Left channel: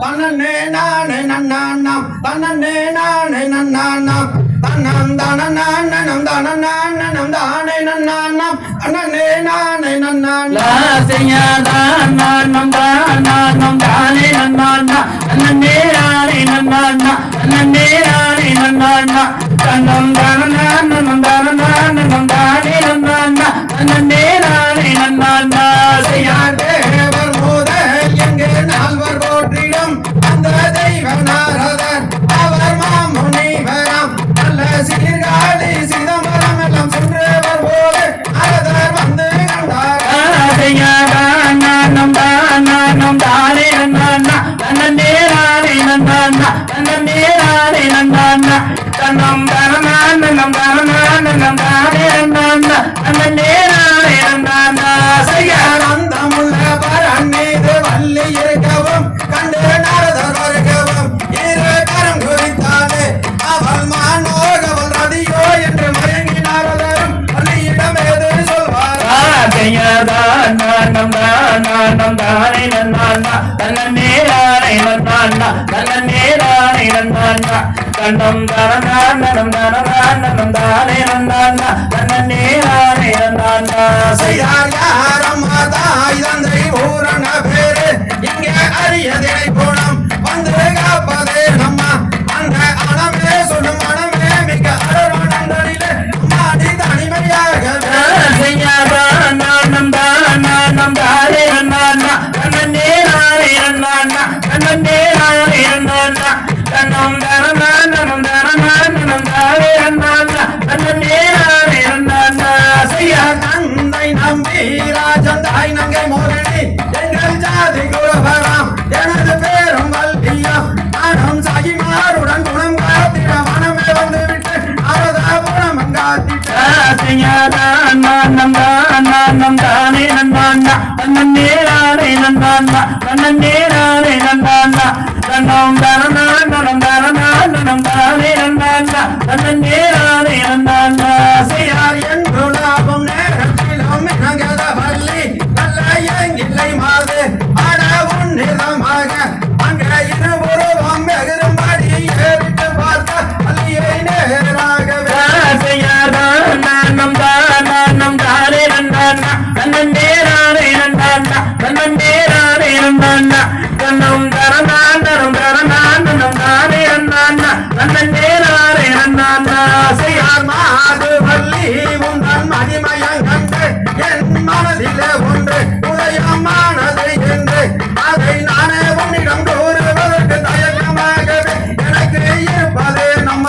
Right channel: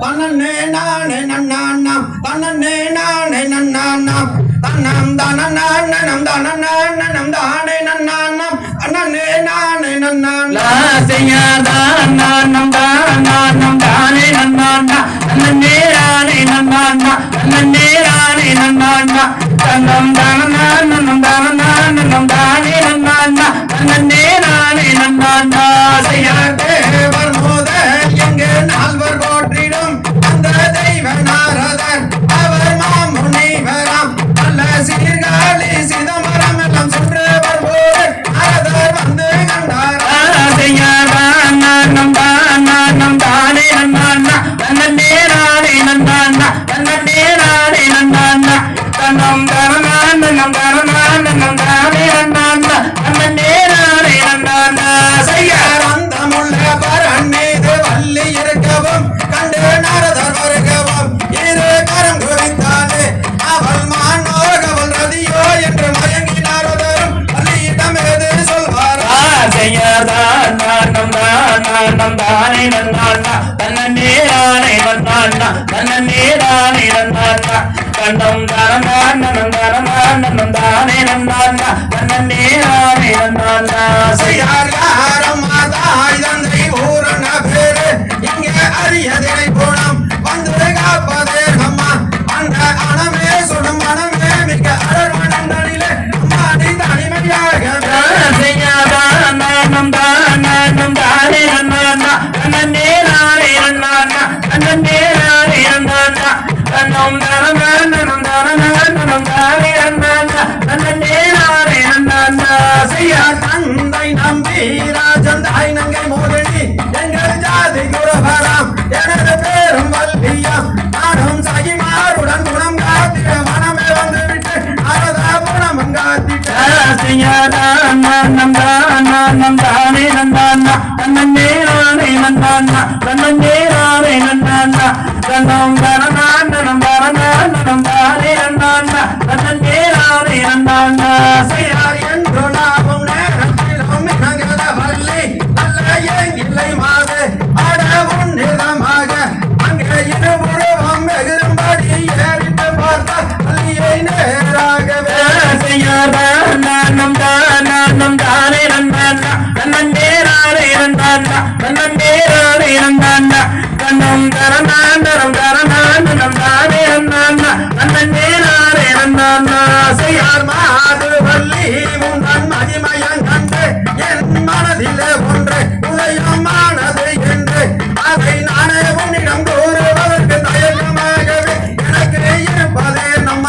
தன்னே நானே நன்னாண்ணம் தன்னே நானே நன்னாண்ணம் தன்னம் தானம் தானம் தானே நன்னாண்ணம் தன்னே நானே நன்னாண்ணம் செய்யாதானம் தானம் தானே நன்னாண்ணா தன்னே நானே நன்னாண்ணா தன்னே நானே நன்னாண்ணா தன்னம் தானம் தானம் தானே நன்னாண்ணா தன்னே நானே நன்னாண்ணா செய்யாதே நால்வர் போற்றிடும் அந்த தெய்வ நாரதர் அவர் மாமுனிவரம் நல்ல சீர்காழி சிதம்பரம் எல்லாம் சொன்னவர் போல நாரதர் வந்து கண்டார் செய்யாதானம் தானம் தானே நன்னாண்ணா தன்னே நானே நன்னாண்ணா தன்னே நானே நன்னாண்ணா தன்னம் தானம் தானம் தானே நன்னாண்ணா தன்னே நானே நன்னாண்ணா செய்யானந்தமுள்ள பரநீது வள்ளி இருக்கவும் கண்டு நாரதர் வருகவும் இரு கரம் குறித்தாலே அவள் மானோகவள் ரதியோ என்று மயங்கி நாரதரும் வள்ளியிடம் எது சொல்வாரா செய்யாதானம் தானே நன்னாண்ணா தன்னே நானே நன்னாண்ணா தன்னே நானே நன்னாண்ணா தன்னம் தானம் தானே நன்னாண்ணா தன்னே நானே நன்னாண்ணா செய்யார் யாரும் மாதாய் தந்தை பூரண பேரு இங்கே அரியதினை குணம் வந்து காப்பதே அம்மா அந்த அணமே சொல்லும் மனமே மிக்க அடர்வனந்தனிலே அம்மாடி தனிமையாக செய்யாதானம் தானே நன்னாண்ணா தன்னே நானே நன்னாண்ணா தன்னே நானே நன்னாண்ணா தன்னம் தானம் தானே நன்னாண்ணா தன்னே நானே நன்னாண்ணா செய்யார் தந்தை நம்பி ராஜன் தாய் நங்கை மோகினி எங்கள் ஜாதி குலவரம் எனது பேரும் வல்லியம் நானும் சகிமாருடன் குணம் காத்திட மனமே வந்துவிட்டு அறத குணம் காத்திட்ட செய்யாதானம் தானே நன்னாண்ணா தன்னே நானே நன்னாண்ணா தன்னே நானே நன்னாண்ணா தன்னம் தானம் தானே நன்னாண்ணா தன்னே நானே நன்னாண்ணா செய்யார் என்று லாபம் நேரத்திலும் மிகங்கத வள்ளி நல்ல ஏங்கில்லை மாது ஆட உன்னிதமாக அங்கே இரு உருவம் வெகுரும்படி ஏறிட்டு பார்த்த வள்ளியை நேராகவே செய்யாதானம் தானே நன்னாண்ணா தன்னே நானே நன்னாண்ணா தன்னே நானே நன்னாண்ணா தன்னம் தானம் தானே நன்னாண்ணா தன்னே நானே நன்னாண்ணா செய்யார் மாது வள்ளி உங்கள் மகிமையங் கண்டு என் மனதிலே ஒன்று உதயமானது என்று அதை நானே உன்னிடம் கூறுவதற்கு தயக்கமாகவே எனக்கு இருப்பதே நம்ம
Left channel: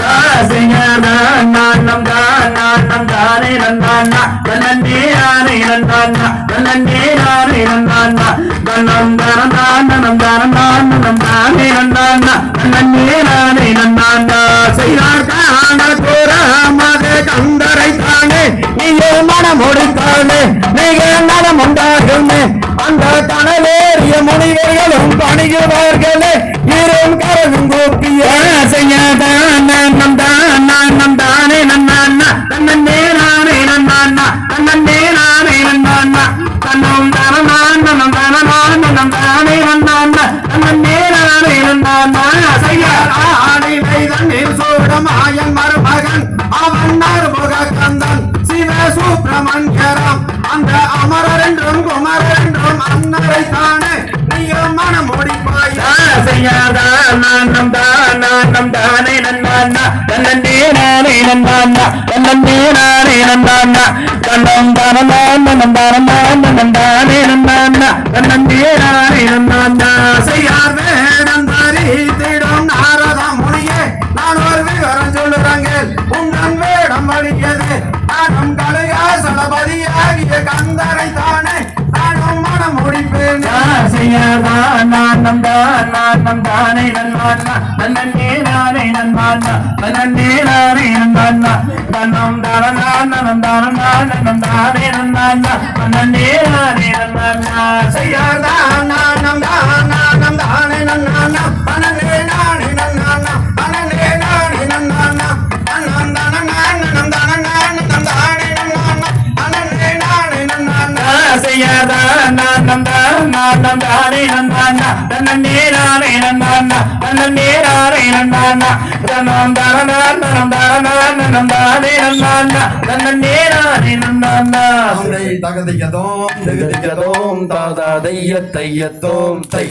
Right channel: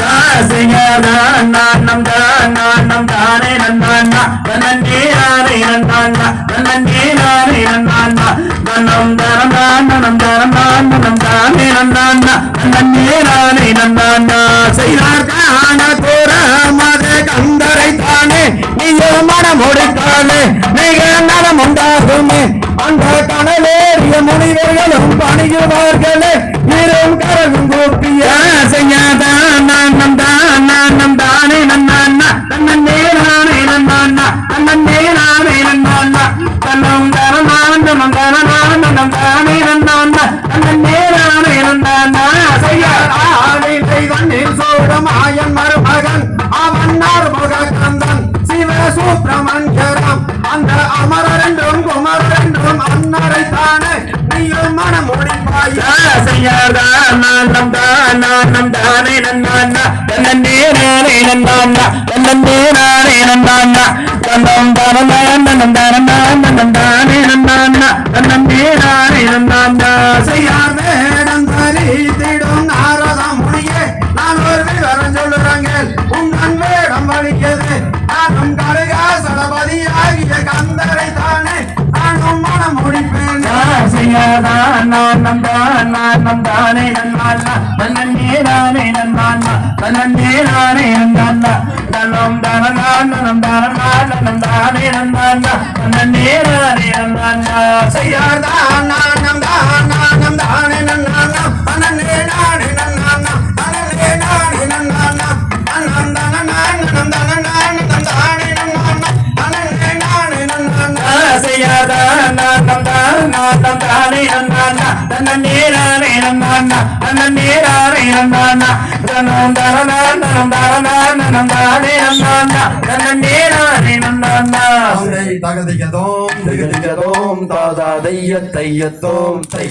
செய்யாதானம் தானே நன்னாண்ணா தன்னே நானே நன்னாண்ணா தன்னே நானே நன்னாண்ணா தன்னம் தானம் தானே நன்னாண்ணா தன்னே நானே நன்னாண்ணா செய்யார் காண கூறாமது கந்தரை தானே நீயே மனம் முடித்தானே மிக நலம் உண்டாகுமே அந்த கனலேறிய முனிவர்களும் பணிகிறவர்களே இரும் கரவும் கூப்பிய செய்யாதானம் தானே நன்னாண்ணா தன்னே நானே நன்னாண்ணா தன்னே நானே நன்னாண்ணா தன்னம் தானம் தானே நன்னாண்ணா தன்னே நானே நன்னாண்ணா செய்யார் ஆடிகை தண்ணீர் சூடமாயன் மருமகன் அவன் மருமுக கந்தன் சிவ சுப்பிரமணியராம் அந்த அமரர் என்றும் குமரர் என்றும் அன்னரை தானே நீயும் மனம் முடிப்பாய் செய்யாதானம் தானே நன்னாண்ணா தன்னே நானே நன்னாண்ணா தன்னே நானே நன்னாண்ணா தன்னம் தானம் தானே நன்னாண்ணா தன்னே நானே நன்னாண்ணா செய்யார் வேடம் தரித்திடும் நாரத முனியே நான் ஒரு விவரம் சொல்லுறேங்க உன்னன் வேடம் வழியது நானும் கலையாசலபதியாகிய கந்தனை தானே நானும் மனம் முடிப்பேன் செய்யாதானம் தானே நன்னாண்ணா தன்னே நானே நன்னாண்ணா தன்னே நானே நன்னாண்ணா தன்னம் தானம் தானே நன்னாண்ணா தன்னே நானே நன்னாண்ணா செய்யார் தானம் தானே நன்னானா தன்னே நானே நன்னானா தன்னே நானே நன்னானா தன்னம் தானம் தானே நன்னானா தன்னே நானே நன்னானா செய்யாதானம் தானே நன்னாண்ணா தன்னே நானே நன்னாண்ணா நன்னே நானே நன்னானா தனம் தரணம் தரணம் தானே நன்னானா நன்னே நானே நன்னானா தகதிகதோம் தாதா தையத்தோம் தை